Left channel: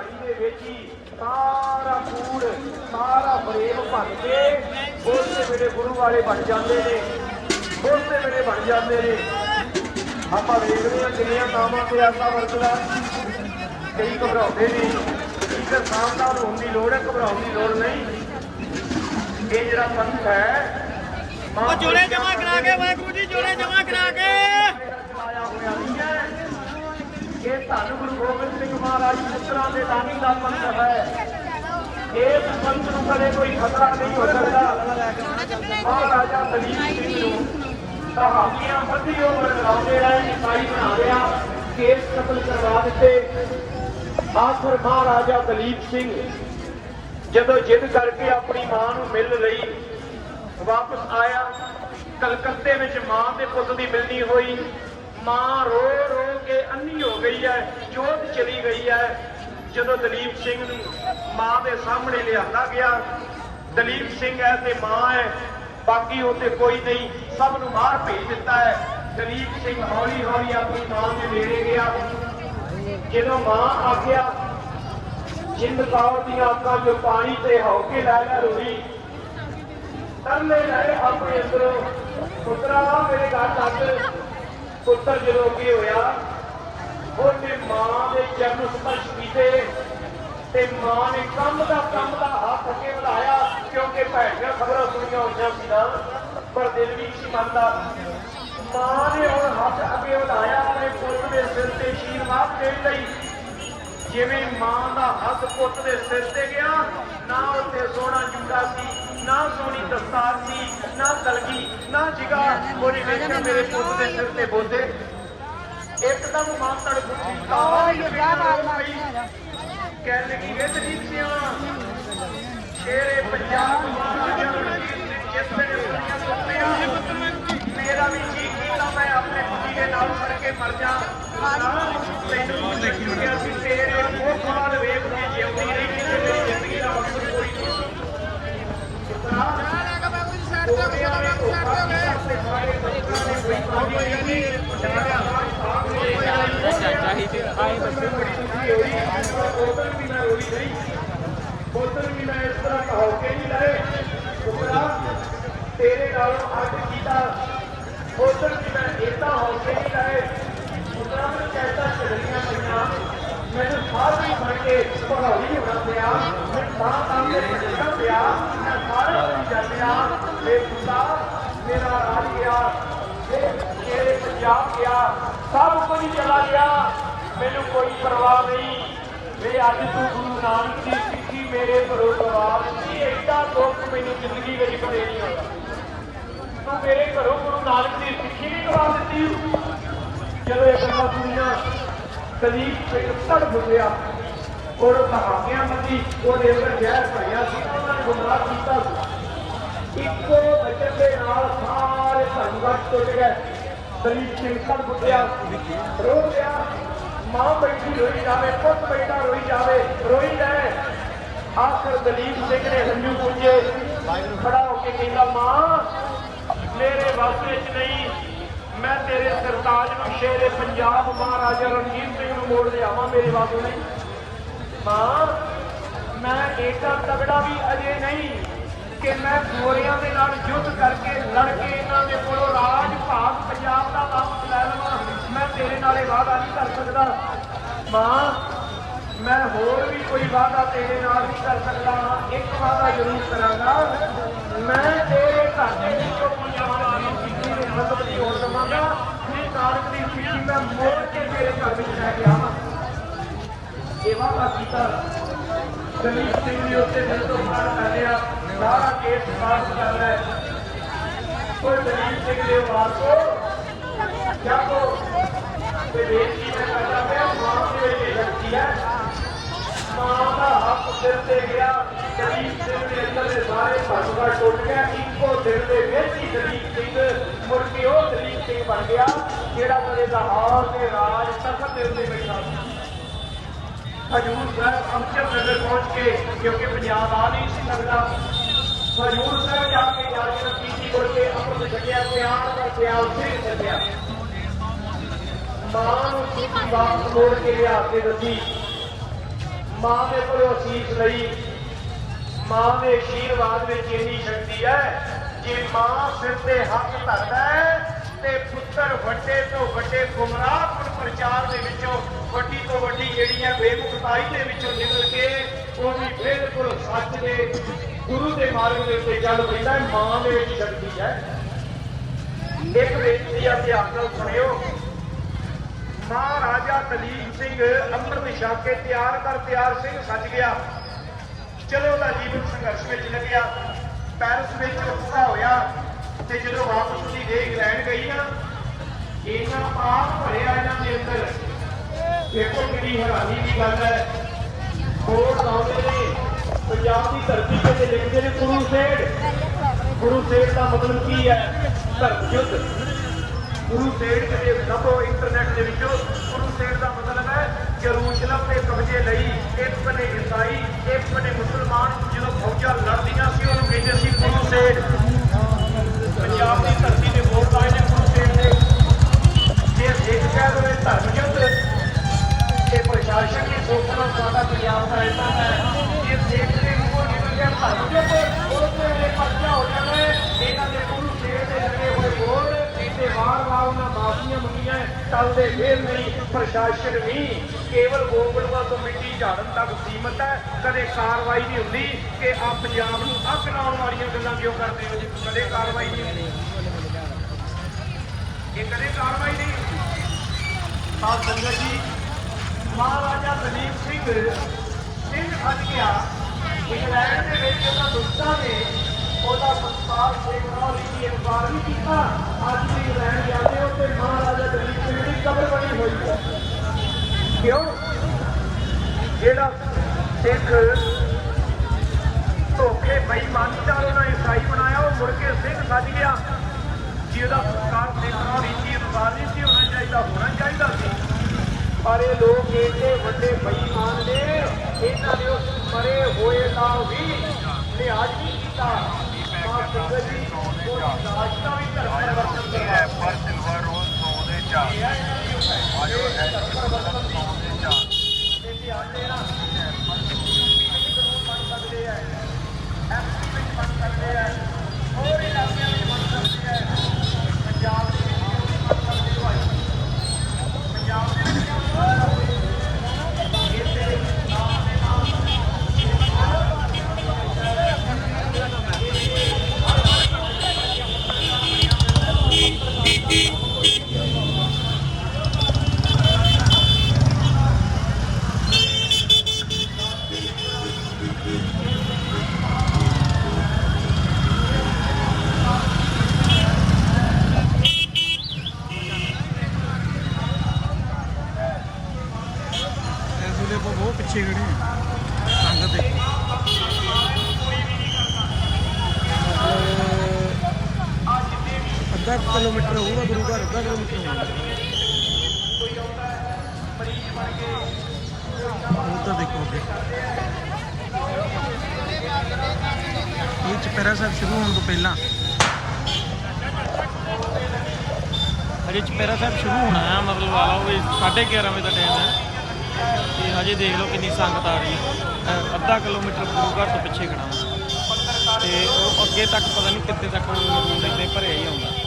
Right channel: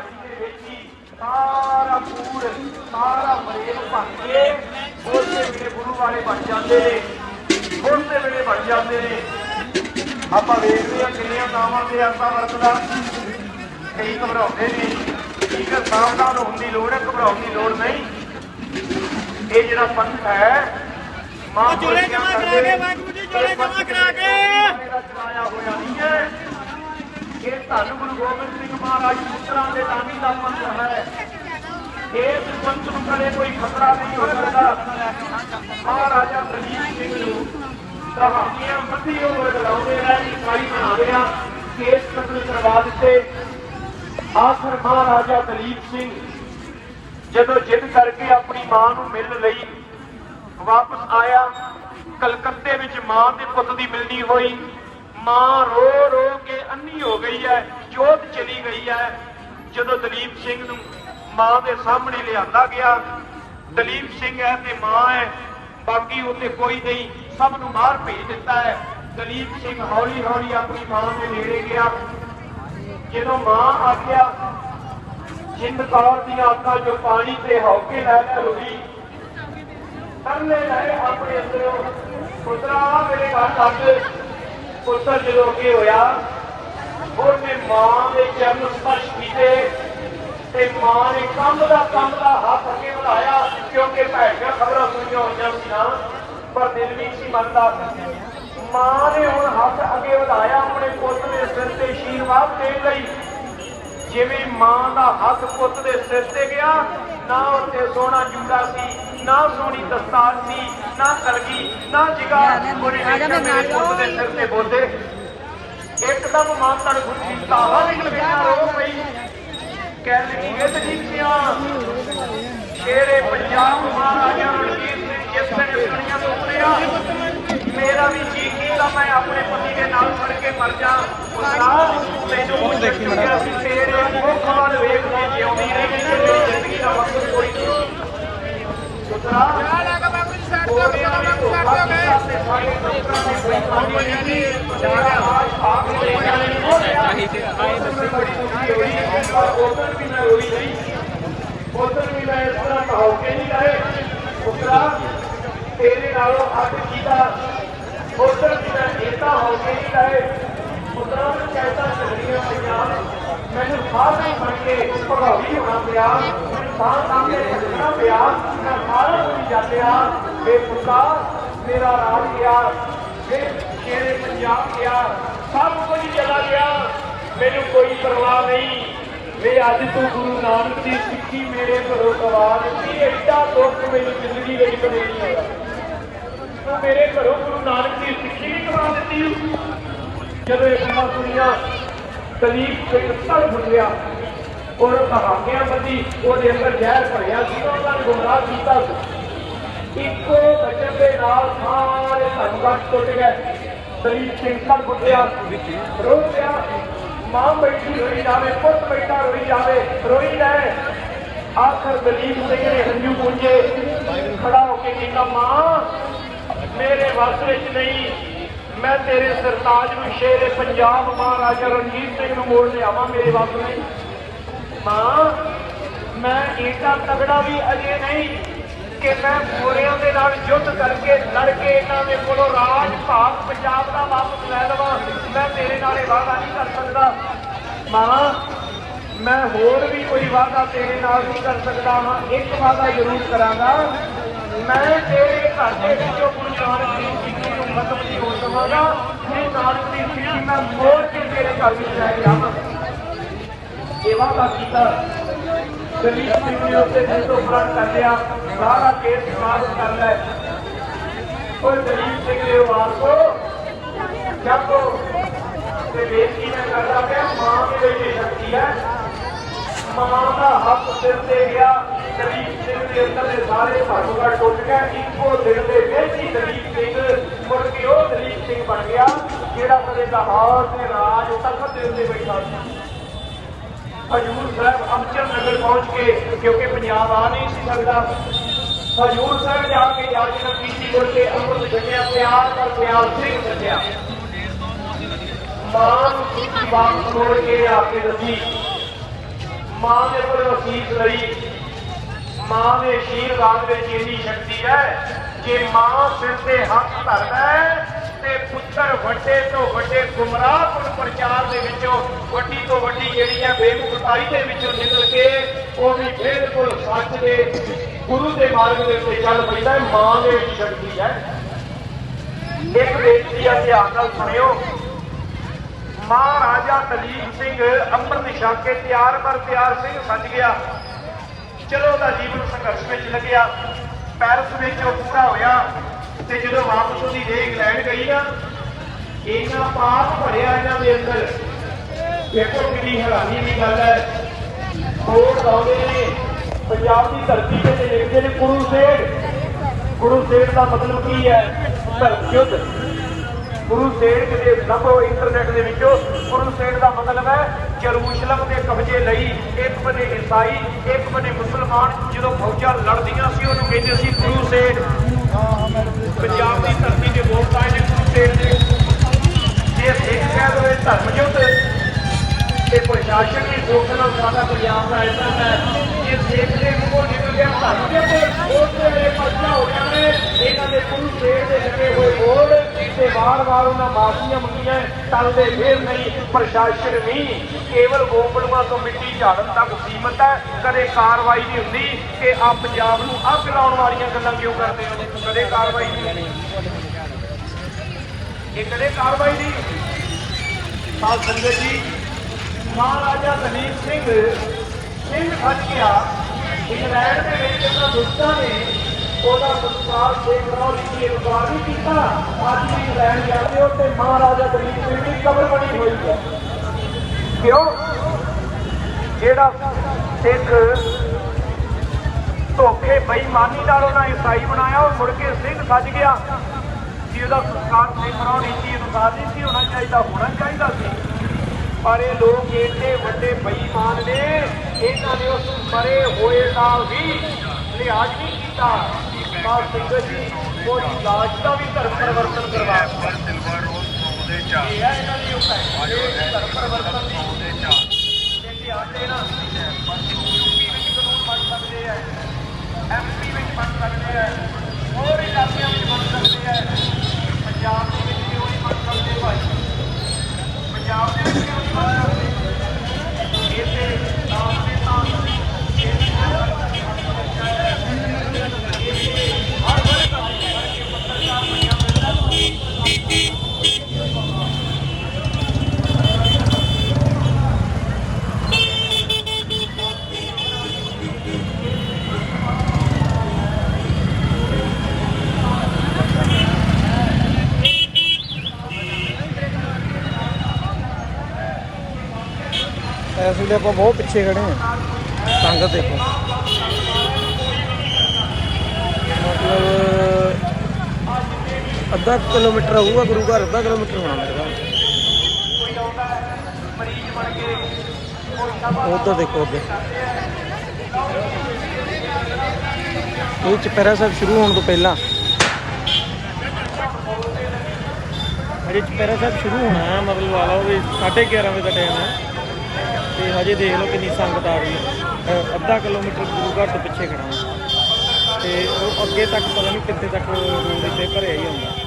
ਦਿਹਾੜੀ ਦੇ ਵਿੱਚ ਹੀ ਸਾਰਾ ਪੂਰ ਸਾਰਾ ਬਰੇਲ ਭਰ ਕੇ ਬੋਲਦੇ ਮੇਰੇ ਗੁਰੂ ਵਾਲੇ ਬਣ ਜਾਂਦੇ ਨੇ ਬੋਲਦੇ ਮੇਰੇ ਬਣ ਜਾਂਦੇ ਨੇ ਆਪਾਂ ਵੇਖਦੇ ਹਾਂ ਕਿੰਨੀਆਂ ਨਾਵਾਂ ਤੇ ਆਪਾਂ ਵਰਤਦਾ ਕਈ ਘਬਰਾਉਂਦੇ ਨੇ ਤੇ ਸਾਵਧਾਨ ਹੋਣ ਦੀ ਲੋੜ ਹੈ ਘਬਰਾਉਣ ਦੀ ਲੋੜ ਨਹੀਂ ਇਹ ਜਿਹੜਾ ਪੰਥ ਹੈ ਮਾਂ ਜੋੜੇ ਜਮਾ ਕਰਾ ਕੇ, ਵਾਹਿਗੁਰੂ ਜੀ, ਜੋੜੇ ਜਮਾ ਕਰਾ ਕੇ ਆਇਆ ਹੋਇਆ ਨਹੀਂ ਹੈ ਇਹ ਧੰਨ ਗੁਰੂ ਗੋਬਿੰਦ ਸਿੰਘ ਮਹਾਰਾਜ ਮਿੱਤਰਾਂ ਦੇ ਨਾਮੀ ਦਾ ਪੰਥ ਹੈ। ਇਹ ਪੰਥ ਨੂੰ ਕਦੇ ਕੋਈ ਖਤਰਾ ਨਹੀਂ ਹੋ ਸਕਦਾ। ਮਹਾਰਾਜਾ ਦਲੀਪ ਸਿੰਘ ਨੂੰ ਕਹਾਣੀਆਂ ਮੱਧੀ ਉਮਰ ਲਾਉਂਦੇ ਰਹੇ ਇਸਾਈ ਬਣਾਉਂਦੇ ਆ ਕੇਸ ਕਤਲ ਕਰਵਾ ਦਿੱਤੇ। ਆਖਰ ਮਹਾਰਾਜਾ ਦਲੀਪ ਸਿੰਘ, ਜਦੋਂ ਜਿੱਦ ਕਰਕੇ ਆਪਣੀ ਮਾਂ ਨੂੰ ਮਿਲਣ ਲਈ ਵਾਪਸ ਆਇਆ, ਕਲਕੱਤੇ ਵਿੱਚ ਮਾਂ ਤੇ ਪੁੱਤ ਦੀ ਮਿਲਣੀ ਹੋਈ। ਮਾਂ ਰੋ ਰੋ ਕੇ ਅੰਨੀ ਹੋ ਗਈ ਹੈ, ਜੋਤ ਚਲੀ ਗਈ ਹੈ। ਜਦੋਂ ਦਲੀਪ ਸਿੰਘ ਨੂੰ ਮਾਂ ਦੇ ਸਾਹਮਣੇ ਲਿਆਂਦਾ ਗਿਆ, ਦਲੀਪ ਸਿੰਘ ਹੈ ਤੇ ਮਾਂ ਹੈ, ਬਾਕੀ ਉੱਥੇ ਕੋਈ ਨਹੀਂ, ਸਭ ਨੂੰ ਬਾਹਰ ਭੇਜ ਦਿੱਤਾ ਹੈ। ਦਲੀਪ ਸਿੰਘ ਹੌਲੀ ਹੌਲੀ ਆਪਣੀ ਮਾਂ ਦੇ ਨੇੜੇ ਗਿਆ। ਜਦੋਂ ਮਾਂ ਆ ਗਿਆ, ਜਿੰਦ ਕੌਰ ਦੀਆਂ ਅੱਖਾਂ ਚੋਂ ਪਾਣੀ ਤੇ ਹੌਕੇ ਲੈ ਲੈ ਰੋਈ ਅੰਨੇ ਰਹੇ ਆਪਣੇ ਅੰਦਰੋਂ, ਪੁੱਤਰਾ, ਮੇਰੇ ਘਰ ਤੱਕ ਪੁੱਤਰ ਜਦੋਂ ਅੱਗੇ ਹੋਇਆ, ਉਹਨੇ ਮਾਂ ਦੇ ਚਰਨ ਸਪਰਸ਼ ਕੀਤੇ ਤੇ ਮਾਂ ਨੇ ਕੰਮ ਦਾ ਕੰਮ ਦਾ ਹੱਥ ਅੱਗੇ ਵਧਾਇਆ, ਕਿਉਂਕਿ ਭੈਣਾਂ ਖਬਰਾਂ ਸੁਣੀਆਂ ਹੋਈਆਂ ਸੀਆਂ ਪਰ ਦਿਲ ਨਹੀਂ ਸੀ ਮੰਨਦਾ। ਮਾਂ ਨੇ ਹੁਣ ਹੱਥ ਅੱਗੇ ਵਧਾਇਆ ਆਪਣੇ ਪੁੱਤ ਦੇ ਸਿਰ ਤੇ ਆਸ਼ੀਰਵਾਦ ਦੇਣ ਲਈ। ਜਿਵੇਂ ਮਾਂ ਦਾ ਹੱਥ ਪੁੱਤ ਦੇ ਸਿਰ ਤੇ ਗਿਆ, ਨਾ ਉੱਤੇ ਸੋਹਣਾ ਜੁੰਡਾ ਸੀ ਨਾ ਸੋਹਣੀ ਦਸਤਾਰ ਸੀ ਨਾ ਕਰਗੀ ਨਾ ਜਿਗਾ ਉਹਨੇ ਸਿਰ ਤੇ ਬੋਲੇ ਇੱਕਦਮ ਮਾਂ ਤਨ ਗੁੱਠੀ ਤਾਵਾ ਵੀ ਲਪੇਟਾ ਰੋ ਪਈ। ਕਹਿਣ ਲੱਗੀ ਇਹ ਤਜੀਬਿਆ ਸ਼ੇਰੇ ਪੰਜਾਬ ਮਹਾਰਾਜਾ ਰਣਜੀਤ ਸਿੰਘ ਜਿਸ ਨੇ ਸੁਣੀਆਂ ਸੁਪਨਿਆ ਮੇਰਾ ਵੀ ਜੀ ਕੀਤਾ ਮੈਂ ਆਪਣੇ ਪੁੱਤੀ ਦੇ ਨਾਲ ਫੜ ਕੇ ਮਰ ਜਾ। ਤੈਨੂੰ ਦੇਖੀ ਮਰਾ ਸੀ ਤੇਰੇ ਤੇਰੇ ਨਾਲੋਂ ਅੱਡ ਕੀਤਾ ਉਧਰ ਵੀ ਮੈਂ ਇਦਾਂ ਹੋ ਕੇ ਨਹੀਂ ਆਏ ਪੁੱਤਰਾ ਮੈਂ ਕਹਿਤਾ ਚੱਲੀਆਂ ਪੰਜਾਬ ਮੈਨੂੰ ਬਾਹਰ ਨਹੀਂ ਫੜ ਕੇ ਪ੍ਰਭਾਵੀ ਹੋਣਾ ਪਿਆ ਸਾਰਾ ਕੰਮ ਕਰਨਾ ਪਿਆ ਮੈਂ ਸਾਰਾ ਕੁਝ ਜਾਣਿਆ ਇਹ ਮੇਰਾ ਰਾਜ ਗਿਆ ਇਹ ਤੇਰੇ ਪੰਜਾਬ ਗਿਆ, ਸਭ ਕੁਝ ਚਲਾ ਗਿਆ। ਮੈਨੂੰ ਕੋਈ ਪਰਵਾਹ ਨਹੀਂ। ਵੇ ਅੱਜ ਤੂੰ ਗੁਰੂ ਨਾਨਕ ਦੀ ਸਿੱਖੀ ਮੇਰੇ ਘਰੋਂ ਗਵਾ ਦਿੱਤੀ। ਐਡਾ ਦੁੱਖ ਮੈਨੂੰ ਜ਼ਿੰਦਗੀ ਵਿੱਚ ਕਦੇ ਨਹੀਂ ਹੋਇਆ। ਤੂੰ ਮੇਰੇ ਘਰੋਂ ਗੁਰੂ ਨਾਨਕ ਦੀ ਸਿੱਖੀ ਵੀ ਗਵਾ ਦਿੱਤੀ। ਜਦੋਂ ਇਹ ਗੱਲਾਂ ਸੁਣੀਆਂ, ਦਲੀਪ ਸਿੰਘ ਸੜ ਫੁੱਟਿਆ ਔਰ ਕਹਾਣੀਆਂ ਬੰਦੀ ਉਹਦੇ ਅੰਦਰ ਜ਼ਹਿਰ ਭਰਿਆ ਸੀ। ਉਹਨਾਂ ਨੇ ਗੁੰਮਰਾਹ ਕੀਤਾ ਸੀ। ਇੱਕੋ ਬਚਨ ਦੇ ਨਾਲ ਸਾਰੇ ਸੰਗਤ ਟੁੱਟ ਗਏ। ਦਲੀਪ ਸਿੰਘ ਫੁੱਟਿਆ ਰੋ ਪਿਆ ਮਾਂ ਬੈਠੀ ਹੋਈ ਜਾਵੇ, ਪੁੱਤ ਬੈਠਾ ਹੋਈ ਜਾਵੇ, ਰੋਈ ਜਾਏ ਆਖਰ ਦਲੀਪ ਸਿੰਘ ਨੇ ਹੰਝੂ ਪੁੰਝੇ ਖੜਾ ਹੋ ਕੇ ਕਹਿੰਦਾ ਮਾਂ, ਮੇਰੇ ਵੱਸ ਵਿੱਚ ਨਹੀਂ। ਮੈਂ ਤੇਰੇ ਸਰਤਾਜ ਨੂੰ ਸ਼ੇਰੇ ਪੰਜਾਬ ਮਹਾਰਾਜਾ ਰਣਜੀਤ ਸਿੰਘ ਨੂੰ ਮੋੜ ਲਿਆਵਾਂ, ਮੇਰੇ ਵੱਸ ਨਹੀਂ। ਮਾਂ, ਮੈਂ ਈਟਾ ਤਗੜਾ ਵੀ ਅਜੇ ਨਹੀਂ ਕਿ ਮੈਂ ਨਾਲ ਯੁੱਧ ਕਰਕੇ ਲੜ ਕੇ ਇਹਨਾਂ ਦੇ ਕੋਲੋਂ ਰਾਜ ਭਾਗ ਪੰਜਾਬ ਦਾ ਵਾਪਸ ਲੈ ਲਵਾਂ। ਮੈਂ ਤੇਰੇ ਨਾਲ ਇਹ ਵਾਅਦਾ ਨਹੀਂ ਕਰ ਸਕਦਾ। ਮਾਂ, ਮੈਂ ਹੋਰ ਵੀ ਕੋਈ ਵਾਅਦਾ ਤੇਰੇ ਨਾਲ ਨਹੀਂ ਕਰ ਸਕਦਾ। ਹਾਂ ਇੱਕ ਵਾਅਦਾ ਜ਼ਰੂਰ ਕਰਾਂਗਾ। ਮੈਂ ਤੇਰੇ ਘਰ ਦੇ ਵਿੱਚੋਂ ਗੁਰੂ ਨਾਨਕ ਦੀ ਸਿੱਖੀ ਨੂੰ ਮਤਲਬ ਦੀ ਹੋ ਦਵਾਂਗਾ। ਨਹੀਂ, ਨਾਨਕ ਦੀ ਸਿੱਖੀ ਮੈਂ ਮੋੜ ਕੇ ਤੇਰੇ ਘਰ ਵਿੱਚ ਲੈ ਕੇ ਆਵਾਂ। ਇਹ ਵਾਅਦਾ ਕੀਤਾ। ਦਲੀਪ ਸਿੰਘ ਨੇ ਉੱਤੇ ਜਦੋਂ ਪ੍ਰਣ ਕਰ ਲਿਆ। ਸਾਰਾ ਕੇਸ ਸਾਫ਼ ਕਰ ਲੈ। ਉਹ ਦਲੀਪ ਸਿੰਘ ਦੇ ਵਾਸੋ ਜਦੋਂ ਇਹ ਬੇਟੀ ਨੇ ਕਰਦਾ ਪਿਆ, ਮਾਂ ਦੇ ਲਈ ਸ਼ਕਤੀ ਹੈ। ਮਾਂ ਦਾ ਹੱਥ ਸਿਰ ਤੇ ਗਿਆ ਦਲੀਪ ਸਿੰਘ ਦੇ ਅੰਦਰ ਦੇ ਸਾਰੇ ਭਾਂਡਾ ਟੁੱਟ ਗਿਆ, ਇੱਕੋ ਦਿਨ ਦੇ ਵਿੱਚ ਹੀ ਦਲੀਪ ਸਿੰਘ ਮੁੜ ਕੇ ਉਹ ਦਲੀਪ ਸਿੰਘ ਬਣ ਗਿਆ, ਜਿਹੜਾ ਕਦੇ ਦਾ ਹਾਲ ਰਾਜ ਤੱਕ ਦੇ ਉੱਤੇ ਬੈਠਾ ਸੀ। ਹਜੂਰ ਸਾਹਿਬ ਅੰਮ੍ਰਿਤਸਰ ਨਗਰ ਪਹੁੰਚ ਕੇ, ਕਿਉਂਕਿ ਪੰਜਾਬ ਆ ਨਹੀਂ ਸੀ ਸਕਦਾ ਹਜੂਰ ਸਾਹਿਬ ਜਾ ਕੇ ਗੱਲ ਕੀਤੀ ਮੁੜ ਅੰਮ੍ਰਿਤ ਛਕਿਆ, ਪਿਆਰ ਪਰ ਪਿਆਰ ਸਿੰਘ ਛਕਿਆ। ਮਾਂ ਨੂੰ ਬਾਤ ਕੇ ਆ ਕੇ ਮਾਂ ਦੇ ਕੋਲ ਅਸੀਸ ਲਈ ਮਾਂ ਦੇ ਆਸ਼ੀਰਵਾਦ ਵਿੱਚ ਇੰਨੀ ਸ਼ਕਤੀ ਹੈ ਕਿ ਮਾਂ ਸਿਰ ਤੇ ਹੱਥ ਧਰਦਾ ਹੈ ਤੇ ਪੁੱਤਰ ਵੱਡੇ ਤੋਂ ਵੱਡੇ ਗੁੰਮਰਾਹ ਪ੍ਰਚਾਰ ਦੇ ਵਿੱਚੋਂ ਵੱਡੀ ਤੋਂ ਵੱਡੀ ਜਿਹੜੀ ਹੈ ਬੇਮੁਖਤਾਈ ਦੇ ਵਿੱਚੋਂ ਨਿਕਲ ਕੇ ਉਹ ਵੀ ਬਿਲਕੁਲ ਸੱਚ ਦੇ ਗੁਰੂ ਦੇ ਮਾਰਗ ਦੇ ਉੱਤੇ ਚੱਲ ਪੈਂਦਾ ਹੈ, ਮਾਂ ਦੇ ਵਿੱਚ ਸ਼ਕਤੀ ਹੈ। ਇੱਕ ਬੇਨਤੀ ਆ ਧਿਆਨ ਨਾਲ ਸੁਣਿਓ। ਮਹਾਰਾਜਾ ਦਲੀਪ ਸਿੰਘ ਅੰਮ੍ਰਿਤ ਛਕ ਤਿਆਰ ਪਰ ਤਿਆਰ ਸਿੰਘ ਸੱਜ ਗਿਆ। ਚਲੋ ਉਹਦਾ ਜੀਵਨ ਸੰਘਰਸ਼ ਵਿੱਚ ਲੱਗਿਆ, ਪੈਰਿਸ ਵਿੱਚ ਉੱਠਾ ਹੋਇਆ ਤੇ ਜਦੋਂ ਵਾਪਸ ਉਹਦੀ ਦੇਹ ਇੰਗਲੈਂਡ ਗਈ ਨਾ ਇਹਨਾਂ ਪਾਪ ਭਰਿਆ ਇਹਨਾਂ ਦੇ ਅੰਦਰ। ਦੇਖੋ ਕਿੰਨੀ ਹੈਰਾਨੀ ਦੀ ਗੱਲ ਹੈ। ਕੋਟ ਆਉਂਦੇ ਨੇ, ਪੰਜਾਬ ਦੀ ਧਰਤੀ ਤੇ ਲਿਖਦੇ ਨੇ ਗੁਰੂ ਸੇਠ। ਗੁਰੂ ਸੇਠ ਦਾ ਮਤਲਬ ਕੀ ਹੈ? ਧਰਮ ਯੁੱਧ ਗੁਰੂ ਸੇਠ ਦੇ ਲੱਭੋ ਇੰਟਰਨੈਟ ਦੇ ਵਿੱਚੋਂ ਗੁਰੂ ਸੇਠ ਦਾ ਮਤਲਬ ਹੈ ਜਰੂਸ਼ਲਮ ਦੇ ਕਬਜ਼ੇ ਲਈ ਇੱਕ ਮੰਗੀਆਂ ਟਲਦੇ ਨਹੀਂ, ਪ੍ਰਸ਼ਾਸਨ ਵੀ ਕੇਵਲ ਗੋਪਲਵਾ ਤੋਂ ਮਿੱਟੀ ਝਾੜਨ ਤੱਕ ਸੀਮਤ ਹੈ। ਕਦੇ ਕਾਰਵਾਈ ਨਹੀਂ ਹੁੰਦੀ ਕਿ ਆ ਪੰਜਾਬ ਨੂੰ ਅੱਗ ਲਾਉਣ ਵਾਲੀਆਂ ਗੱਲਾਂ ਕਿਉਂ ਕਰਦੇ ਨੇ? ਕਦੇ ਕਾਰਵਾਈ ਨਹੀਂ ਹੁੰਦੀ। ਇਹ ਕਦੇ ਕਾਰਵਾਈ ਨਹੀਂ ਸਾਧ ਸੰਗਤ ਜੀ, ਮਹਾਰਾਜਾ ਦਲੀਪ ਸਿੰਘ ਸਿੰਘ ਫਟ ਗਿਆ ਇੰਗਲੈਂਡ ਦੇ ਵਿੱਚ ਉਹਨਾਂ ਦੁਸ਼ਟਾਂ ਨੇ ਉਹਦਾ ਸੰਸਕਾਰ ਸ਼ੇਖ ਰੌਲੀ ਦੀ ਅਨੁਸਾਰ ਨਹੀਂ ਕੀਤਾ। ਅੱਜ ਵੀ ਇੰਗਲੈਂਡ ਜਾਂਦੇ ਹੋ ਤੇ ਮਹਾਰਾਜਾ ਦਲੀਪ ਸਿੰਘ ਦੀ ਕਬਰ ਬਣੀ ਹੋਈ ਹੈ। ਕਿਉਂ? ਜਿਹੜਾ ਸਿੱਖ ਧੋਖੇ, ਬੇਈਮਾਨੀ ਨਾਲ ਉਹਨਾਂ ਈਸਾਈ ਬਣਾਇਆ ਉਹ ਮੁੜ ਕੇ ਸਿੰਘ ਸੱਜ ਗਿਆ। ਜੀ ਉਹਦਾ ਸੰਸਕਾਰ ਸ਼ੇਖ ਰੌਲੀ ਅਨੁਸਾਰ ਨਹੀਂ ਸੀ ਹੋਣਾ ਚਾਹੀਦਾ ਹੋਣਾ ਚਾਹੀਦਾ ਸੀ। ਪਰ ਇਹ ਲੋਕ ਏਡੇ ਵੱਡੇ ਬੇਈਮਾਨ ਨੇ, ਇਹਨਾਂ ਨੇ ਉਸ ਮਰੇ ਹੋਏ ਨਾਲ ਵੀ ਲਿਹਾਜ਼ ਨਹੀਂ ਕੀਤਾ। ਬਾਤ ਸੰਗਤ ਜੀ ਕੋਈ ਦਾਜ ਦਾ ਵੀ ਧਰਮ ਪਰਿਵਰਤਨ ਕਰਵਾ ਇਹ ਹੈ ਇਹਨਾਂ ਦੀ ਉਪਾਏ ਇਹ ਧਰਮ ਪਰਿਵਰਤਨ ਦੀ ਇਹ ਆਟੇ ਨਾਲ ਐਮਪੀ ਵਿੱਚ ਬਣ ਸਕਦੇ ਆ। ਇਸ ਵੇਲੇ ਆਪਾਂ ਬਹੁਤ ਪਿੱਛੇ ਖੜੇ ਆ ਸੰਗਤ ਦੇਖੋ। ਮਤਲਬ ਅੱਧਾ ਕਿਲੋਮੀਟਰ ਹੋਊਗਾ, ਗੁਰੂ ਘਰ ਅੱਧਾ ਕਿਲੋਮੀਟਰ ਹੋਣਾ ਲੱਗਦਾ ਉਧਰ ਦੇਖੋ ਅੱਗੇ। ਇਹ ਚਪੈਰਾ ਸਾਹਿਬ ਸ਼ੁਰੂ ਹੋਣ ਤੋਂ ਪਹਿਲਾਂ। ਅਜੇ ਚਪੈਰਾ ਸਾਹਿਬ ਸ਼ੁਰੂ ਹੋਣਾ ਹੈ, ਮਤਲਬ ਆ ਲਓ ਵੀ 11:30 ਵਜੇ ਦਾ ਟਾਈਮ ਹੈ। ਤੇ ਹਜੇ ਦੇਖ ਲਓ ਕਿੰਨੀ ਸੰਗਤ ਆ ਰਹੀ ਹੈ। ਅੱਧਾ ਕਿਲੋਮੀਟਰ ਗੁਰੂ ਘਰ ਤੋਂ ਪਿੱਛੇ ਖੜਾ ਮੈਂ ਤੇ ਉਹ ਅੱਗੇ ਤੱਕ ਪਤਾ ਨਹੀਂ ਕਿੱਥੇ ਤੱਕ ਰੋਡ ਇੱਥੇ ਭਰਿਆ ਹੀ ਹੁੰਦਾ।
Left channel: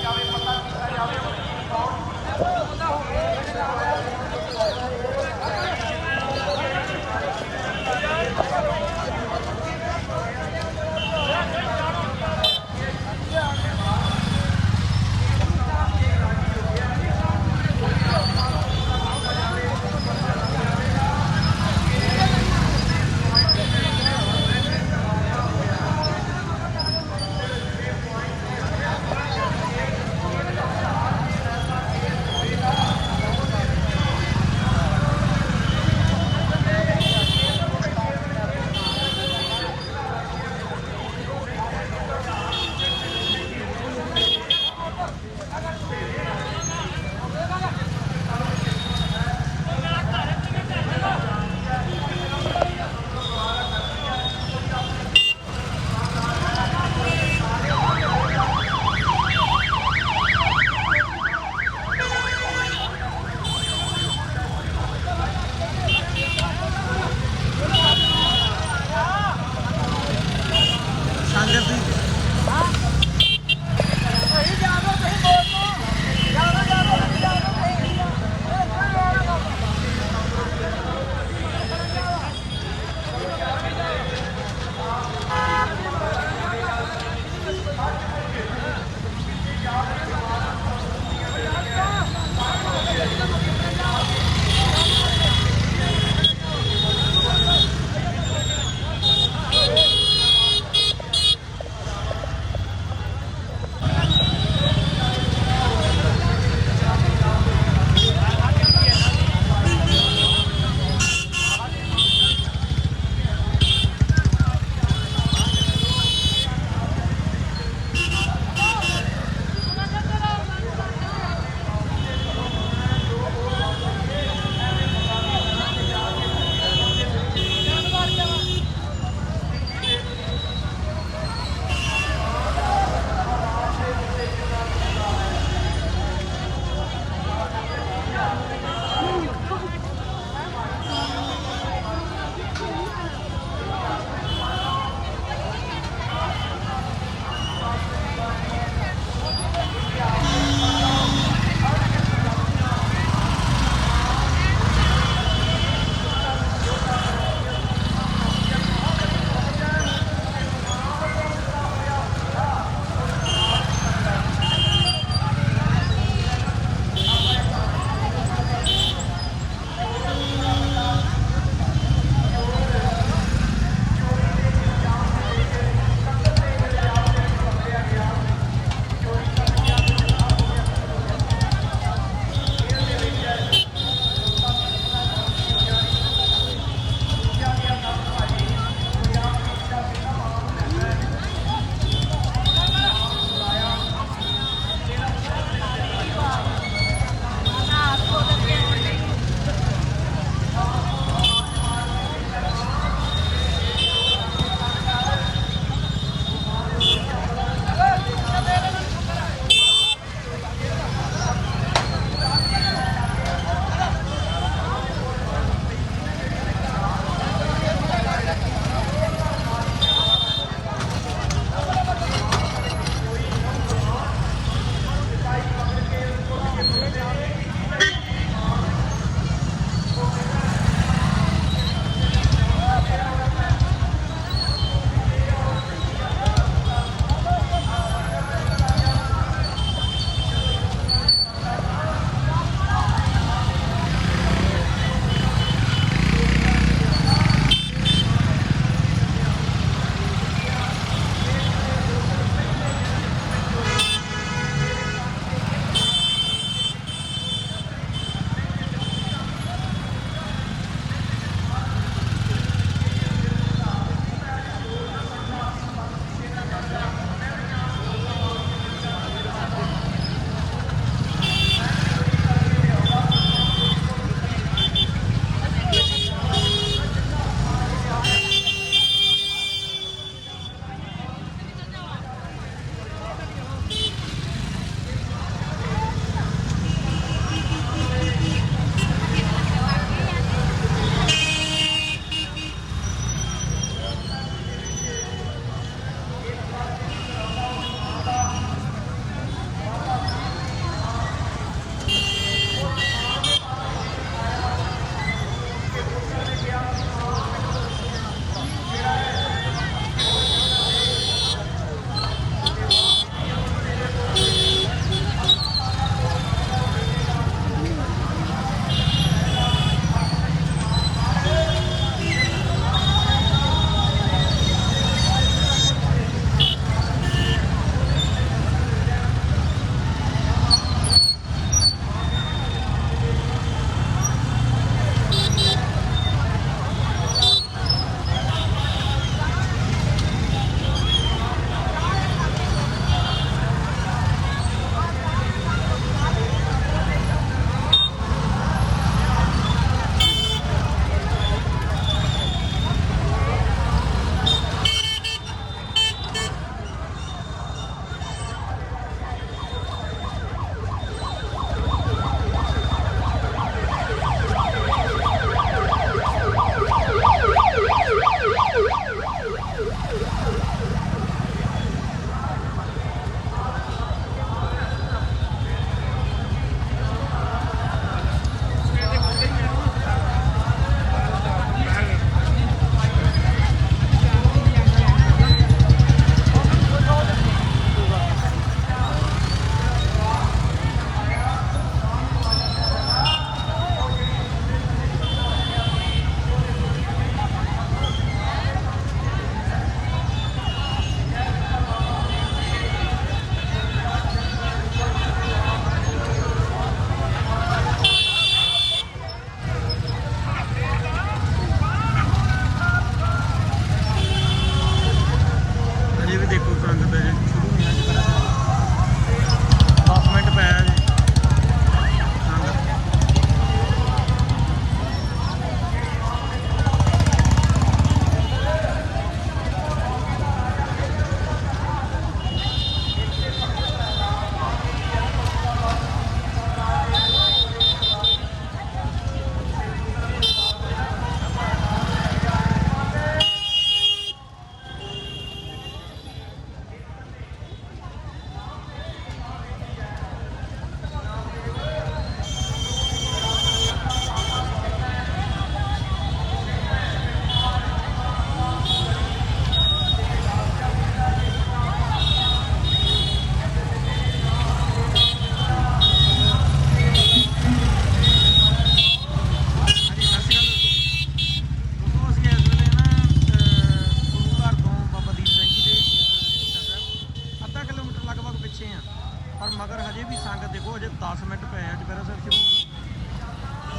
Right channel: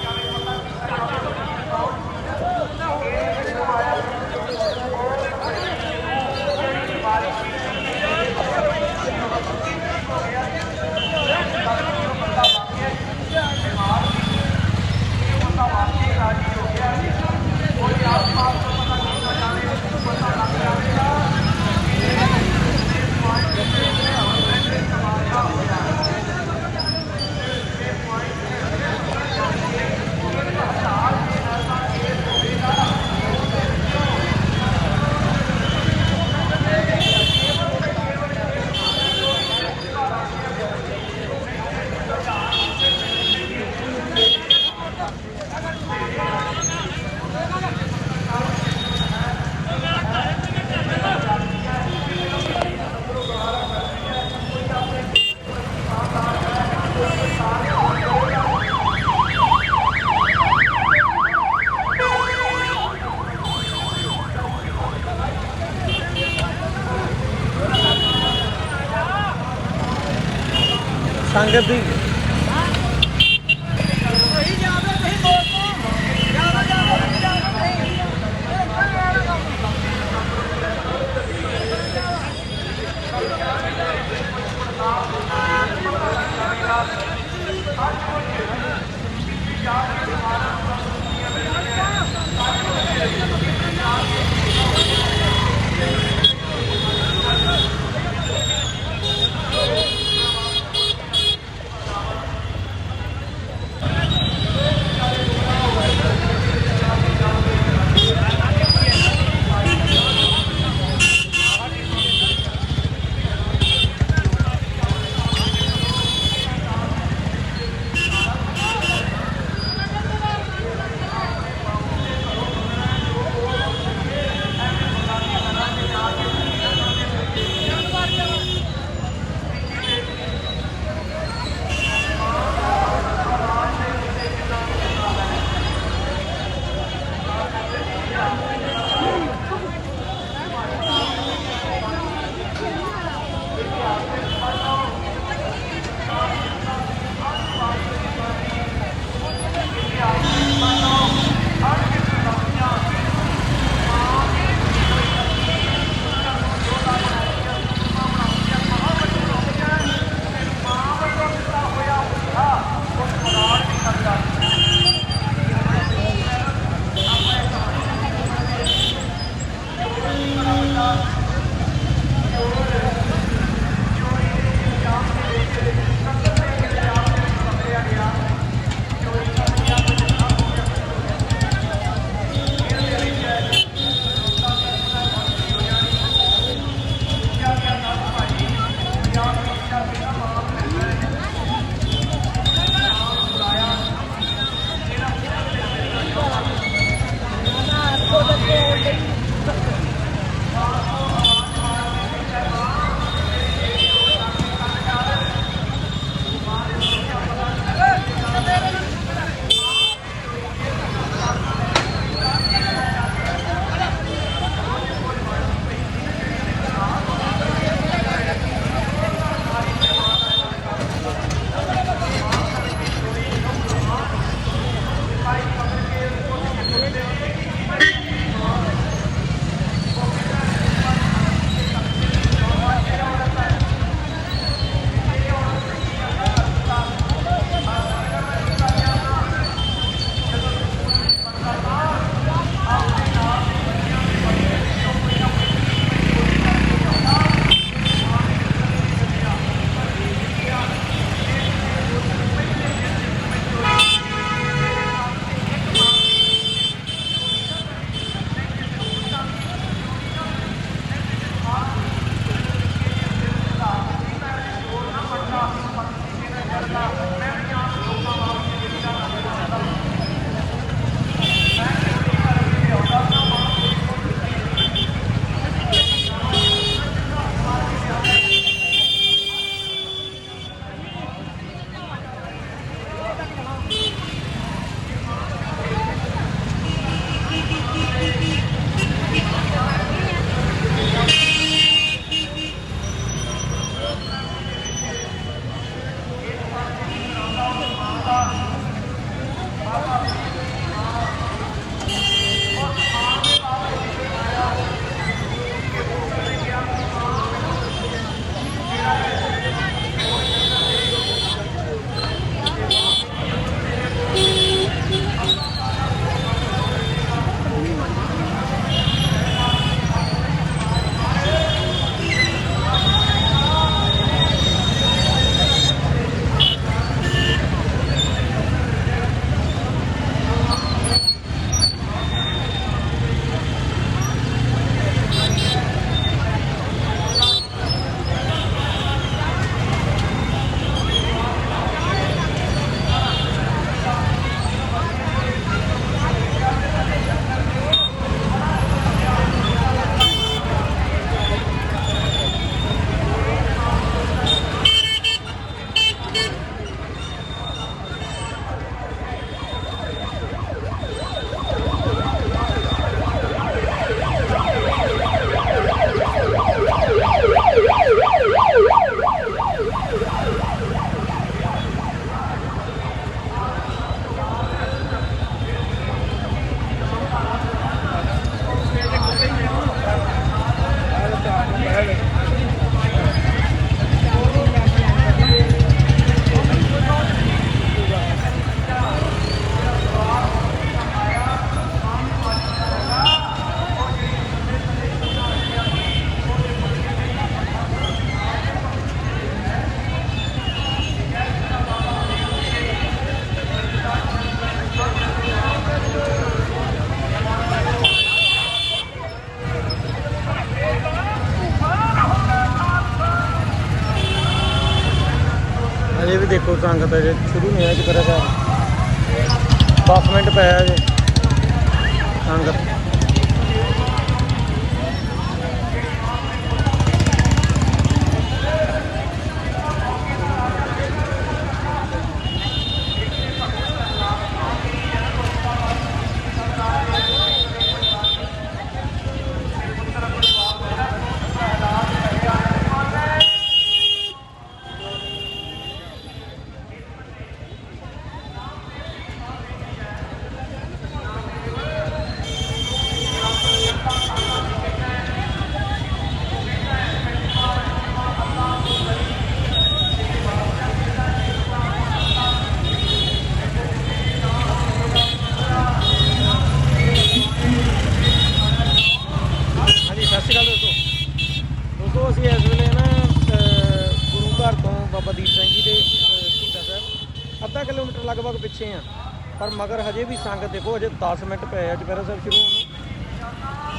ਸੰਗਤ ਸ਼ੁਰੂ ਨਹੀਂ ਸਾਹਿਬ 10 ਮਿੰਟ ਪਿਆ ਅਜੇ ਸੰਗਤ ਹਾਂਜੀ ਸਤਿ ਸ਼੍ਰੀ ਅਕਾਲ ਦੋਸਤੋ ਦੋਸਤੋ ਅਸੀਂ ਇਸ ਵੇਲੇ ਨਾ ਅਹ, ਗੁਰੂ ਘਰ ਤੋਂ ਬਾਬਾ ਦੀਪ ਸਿੰਘ ਜੀ ਦੇ ਅਹ, ਸ਼ਹੀਦਾਂ ਸਾਹਿਬ ਅੱਧਾ ਕਿਲੋਮੀਟਰ ਲਗਭਗ ਪਿੱਛੇ ਆ ਪਰ ਮਗਰ ਹਜੇ ਵੀ ਸੰਗਤ ਦੇਖੋ, ਅਜੇ 10 ਮਿੰਟ ਪਏ ਆ ਚੁਪਹਿਰਾ ਸਾਹਿਬ ਸ਼ੁਰੂ ਹੋਣ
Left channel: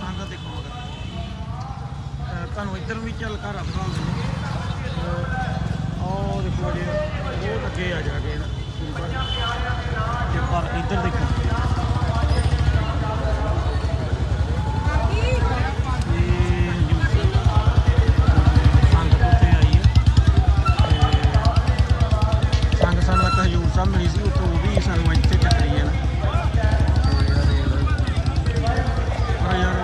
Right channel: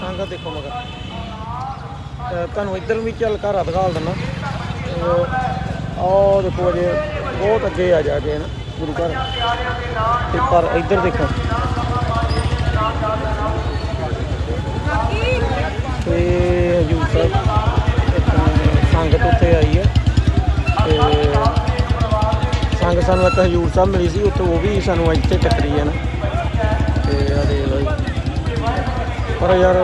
ਸੰਗਤ ਦੇਖੋ ਮਗਰ। ਤੁਹਾਨੂੰ ਇੱਧਰ ਵੀ ਚੱਲ ਘਰ ਦਿਖਾਲ ਦਿੰਦਾ। ਆਹ ਦੇਖੋ ਅਜੇ ਬਹੁਤ ਅੱਗੇ ਆ ਜਾ ਕੇ ਨਾ, ਗੁਰੂ ਘਰ। ਤੇ ਪਰ ਇੱਧਰ ਦੇਖੋ। ਤੇ ਹਜੂਰ ਸਾਹਿਬ ਸੰਗਤ ਉੱਥੇ ਆਈ ਹੈ ਤੇ ਸੰਗਤ ਸਾਨੂੰ ਇੱਕ ਹਜੂਰ ਸਾਹਿਬ ਮਿਲੀ ਸੀ, ਉੱਥੇ ਉਹ ਵੀ ਸਾਨੂੰ ਇੱਥੇ ਟੱਕਰੀ ਹੈ ਨਾ। ਪਰ ਯਾਰ